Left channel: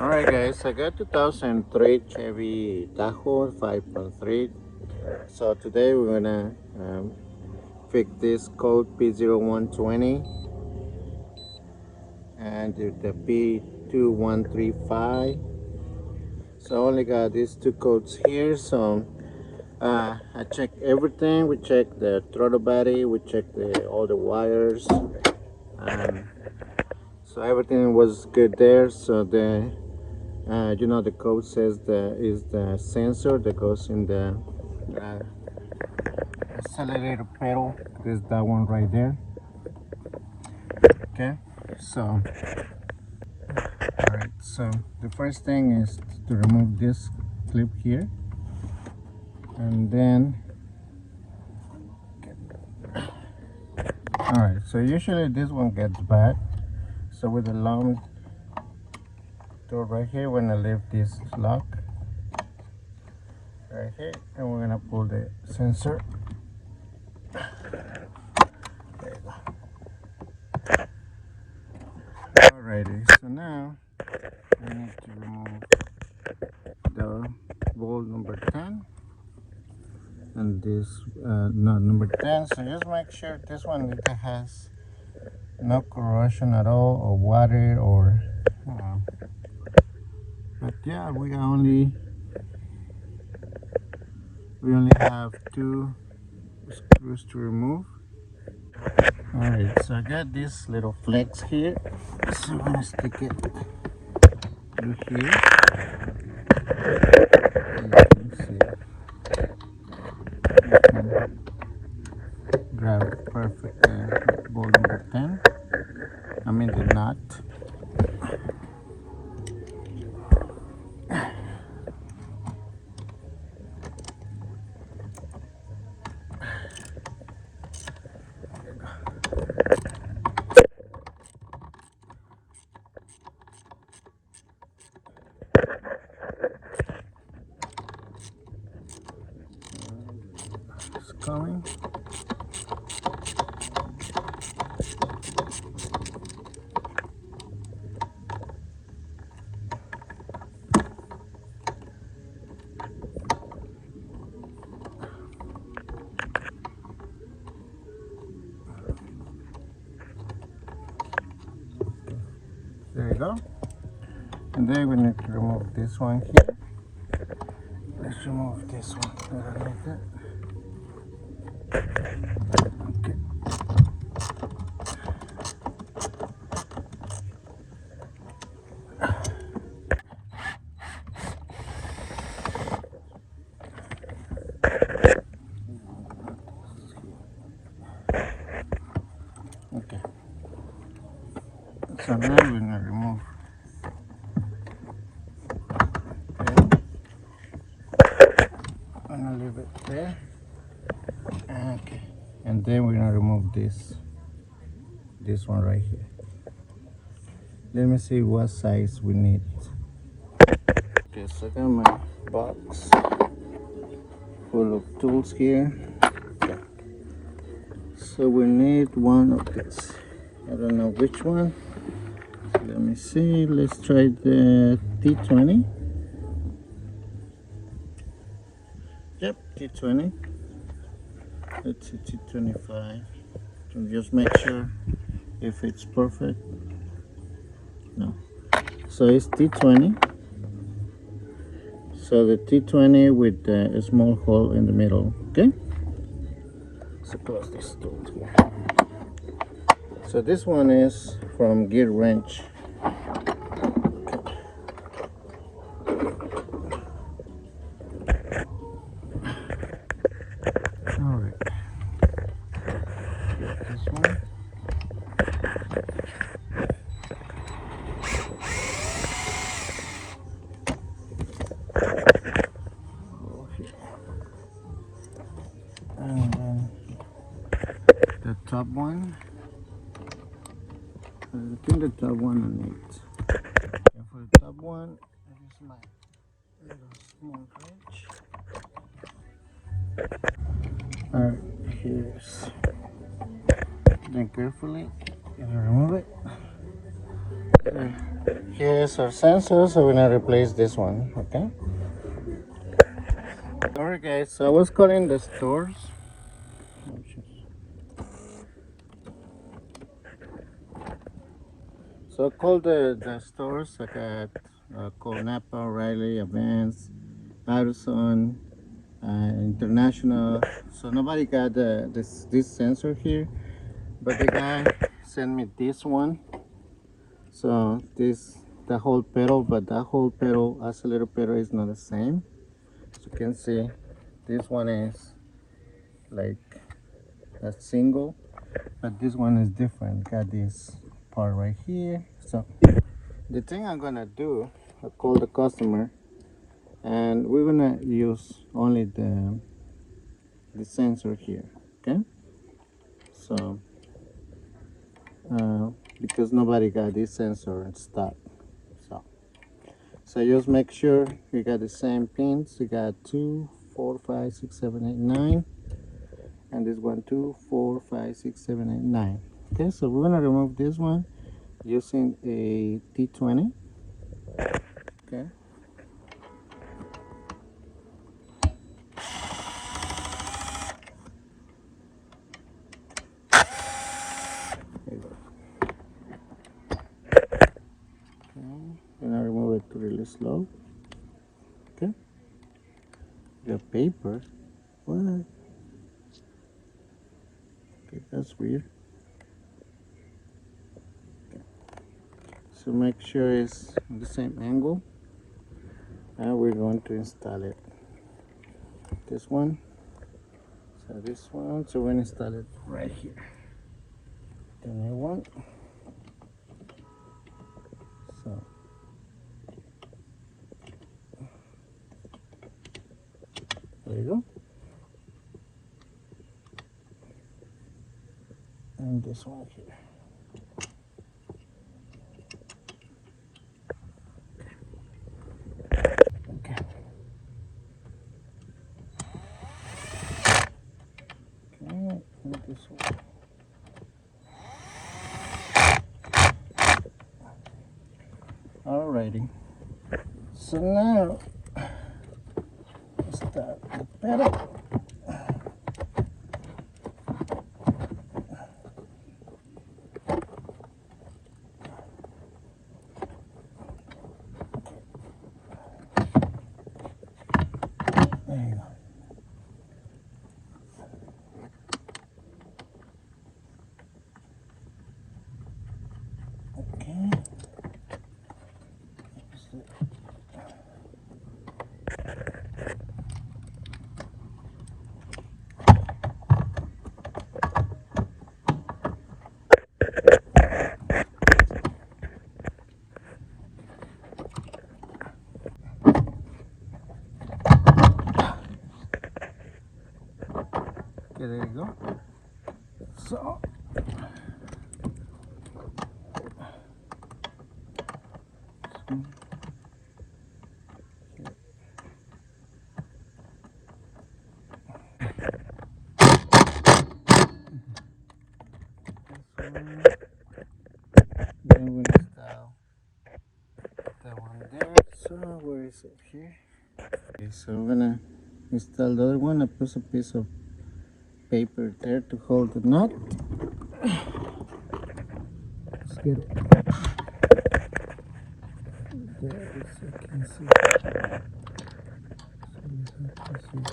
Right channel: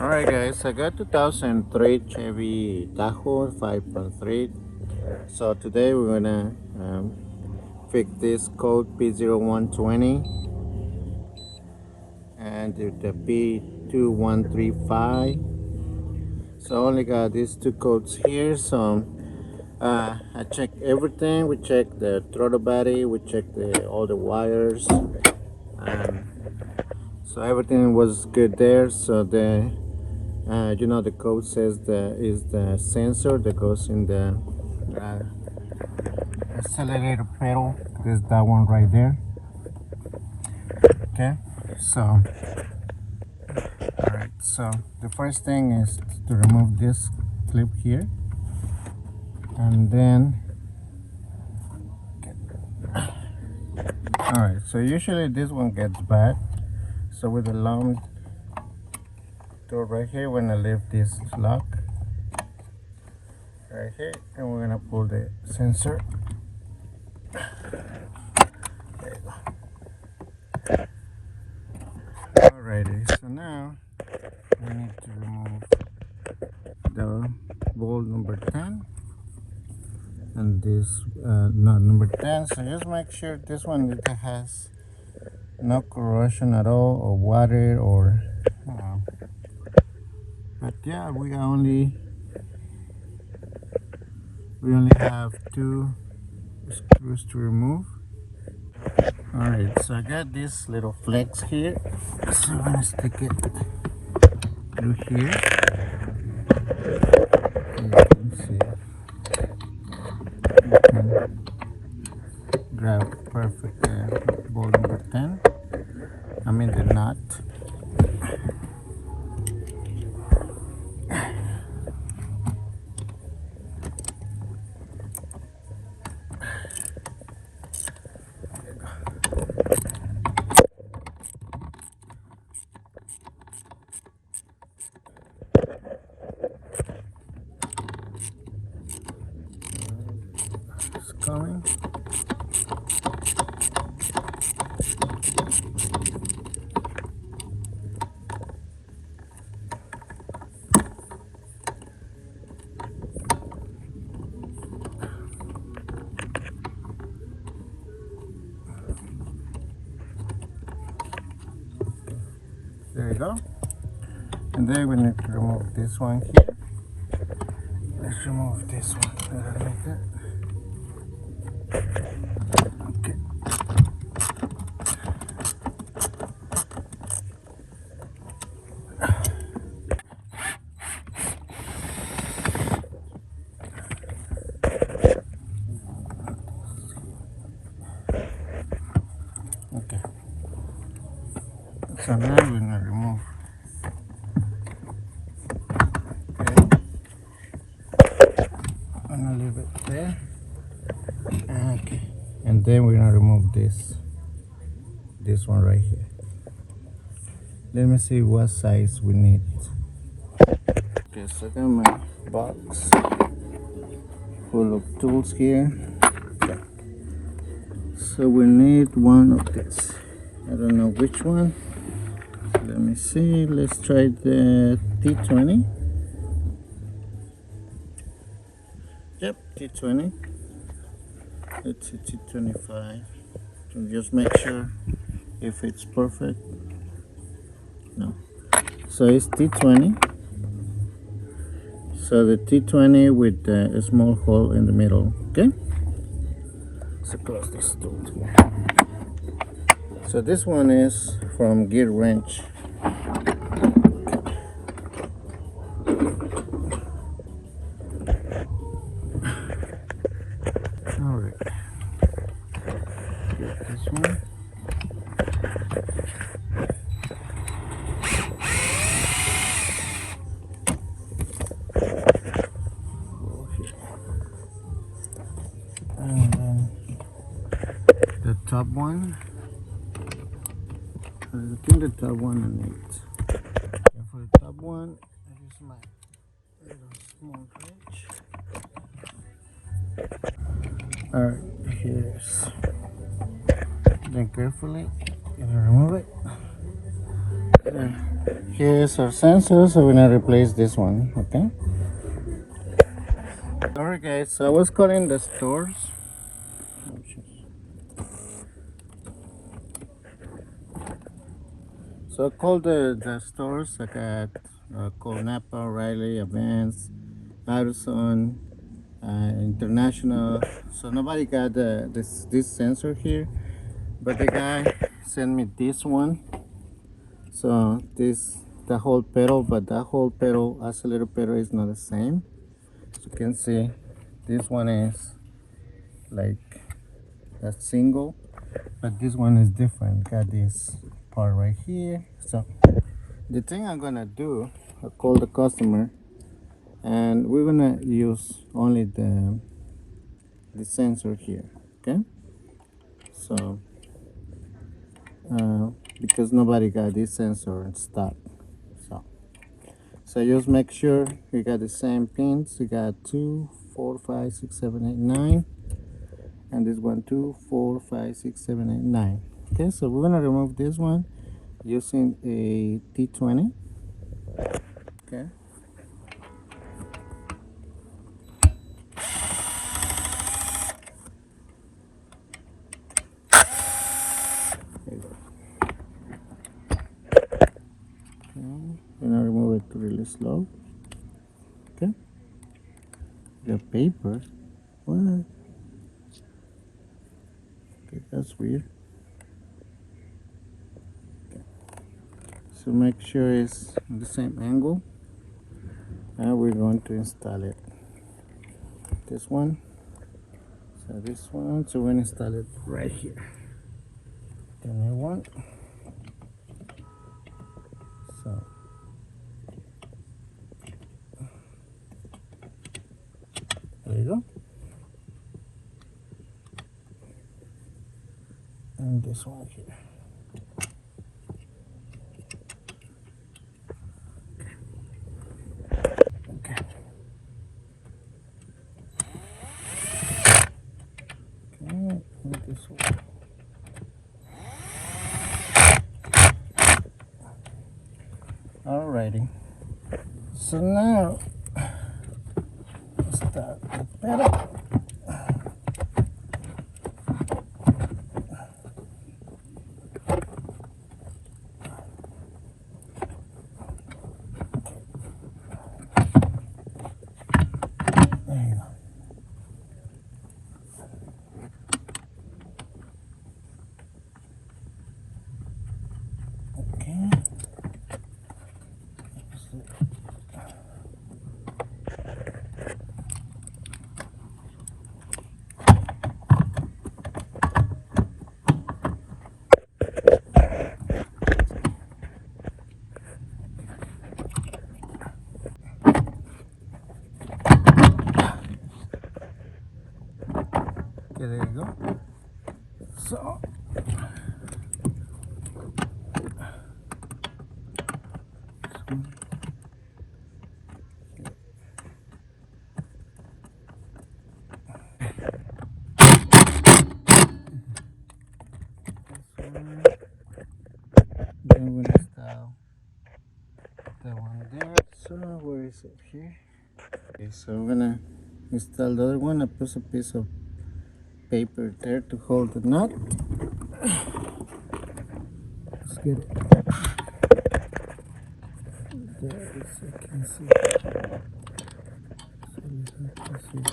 Alright guys, I got 2003 Chevy Tahoe 5.3. So today we're gonna fix this code P0120 and the P2135. So I only got these two codes here. So I checked everything. We checked the throttle body, we checked all the wires. So everything was good there. So the the code says is the sensor that goes in the uh, accelerator pedal. Is that one right there? Okay. So all right. So the first thing is to remove this clip here, and then all right. So usually this one gets bad. So with the long door right here, we're gonna leave this lock right here, and we're gonna pull the sensor. There you go. Alrighty, so now we need to remove the bolt number 10 and this no, number 10. So just make sure this one it has no corrosion at all, or water, or but yeah, we only have two screws to remove. Alright, so I got this little flex here, so I'm gonna stick it through here. You can see you can grab perfect bolt number 10. I mean the knot. It's coming. There you go. And then we need to remove this one here. Let's remove this one. Okay. Okay. So now we're gonna remove. I'm gonna leave it there. Okay. And then we're gonna remove this one right here. Let me see what size we need. Okay, so I got my box full of tools here. Okay. So we need one of this. I don't know which one. Let me see. Let's try the T20. Yep, T20. It's a T25. And just make sure if it's perfect. No. So it's T20. So the T20 with a small hole in the middle. Okay. So close this tool here. So this one is from Gear Wrench. Alright. This one. And then the top one. I think the top one I need. And for the top one, I use my little small wrench. Alright, here's. Then carefully, and remove it. Yeah. Here's our sensor, so we're gonna replace this one, okay? Alright guys, so I was calling the stores. So I called the stores. I got called Napa, O'Reilly, Advance, Addison, International. So nobody got this sensor here, but the guy sent me this one. So this the whole pedal, but the whole pedal, accelerator is not the same. As you can see, this one is like a single, but this one is different. Got this part right here. So the thing I'm gonna do, I'll call the customer, and we're gonna use only the sensor here, okay? So because nobody got this sensor in stock, so just make sure you got the same pins. You got 2, 4, 5, 6, 7, 8, 9, and this one 2, 4, 5, 6, 7, 8, 9. Okay, so we're gonna remove this one using a T20. Okay. We're gonna remove it really slow. Okay. The paper. What? Okay, that's weird. Okay. So make sure it's in the same angle. Now we're going to install it. This one. So this one. So we're gonna install it right here. The new one. So. There you go. And this one here. Okay. Okay, and this one. Alrighty. So now start the pedal. There you go. Okay. Okay, there you go. So then we'll install that one there. So where is it here? Okay, so we're gonna install the other one. I put a piece of paper there to hold the knot. Let's get it. There is, I can see. So you have to see.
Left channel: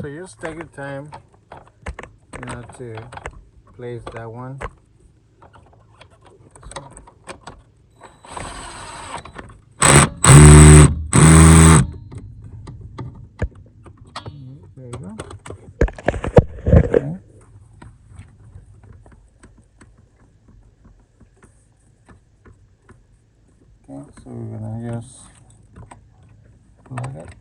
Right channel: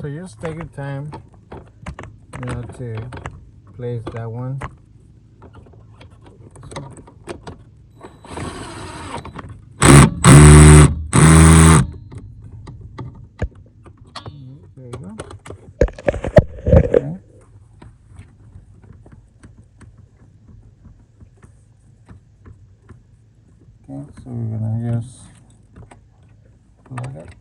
So just take your time, you know, to place that one. There you go. Okay. Okay, so we're gonna just plug it.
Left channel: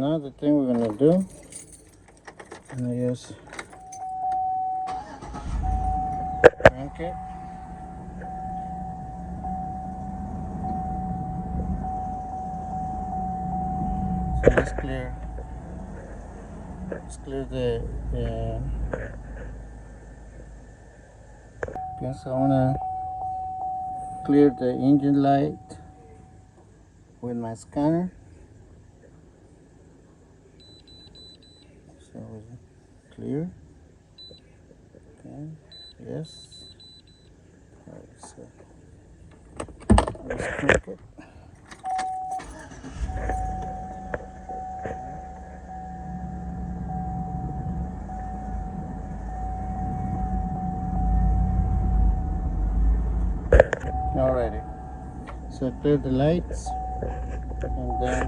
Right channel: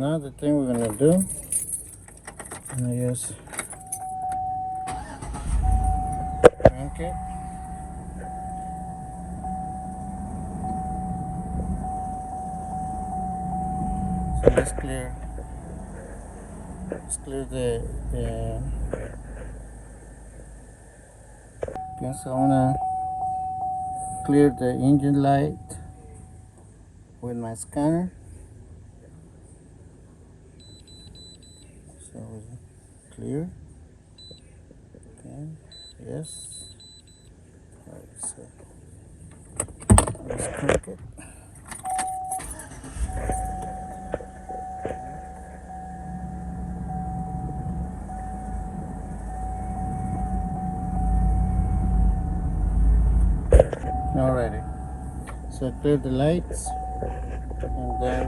now the thing we're gonna do, I'm gonna use, okay. So let's clear the okay, so I'm gonna clear the engine light with my scanner. So clear. Okay. Yes. Alright, so let's click it. Alrighty. So clear the lights and then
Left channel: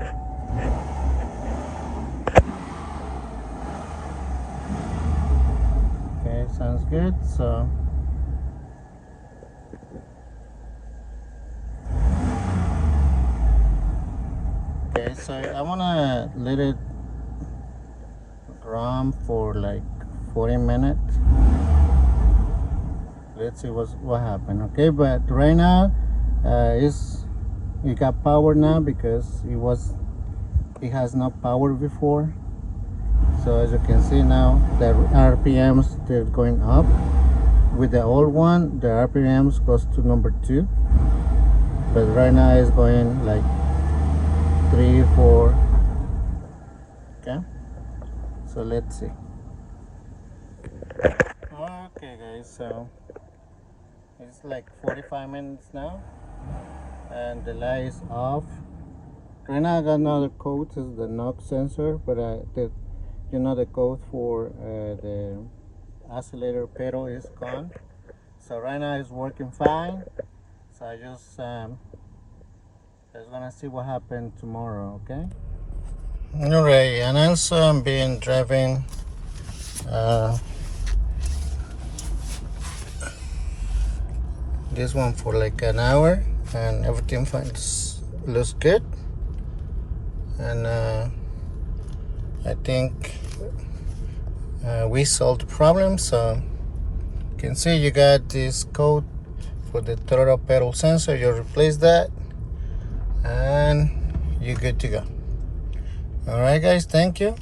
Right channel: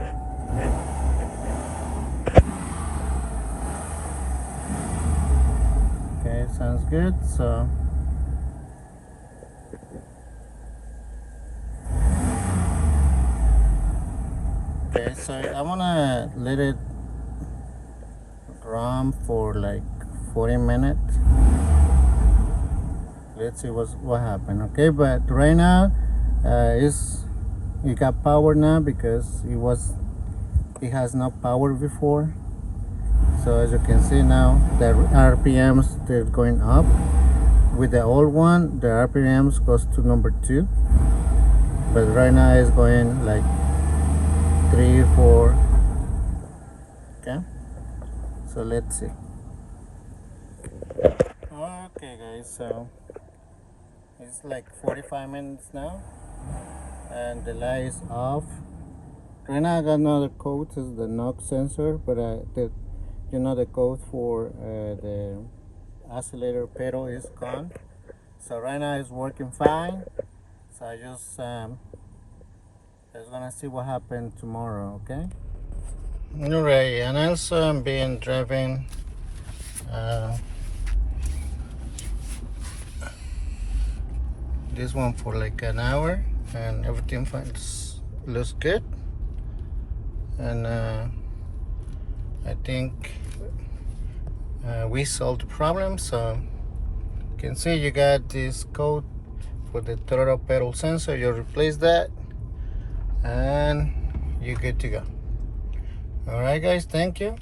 okay, sounds good. So okay, so I wanna let it run for like 40 minutes. Let's see what happened. Okay, but right now it got power now because it has no power before. So as you can see now, the RPMs, they're going up. With the old one, the RPMs goes to number 2, but right now it's going like 3, 4. Okay, so let's see. Okay guys, so it's like 45 minutes now and the light is off. Right now I got another code, is the knock sensor, but the code for the oscillator pedal is gone. So right now it's working fine. So I just gonna see what happened tomorrow. Okay. Alright, and also I'm been driving this one for like an hour and everything looks good, and I think we solved the problem. So you can see you got this code for the throttle pedal sensor. You replace that and you're good to go. All right guys, thank you.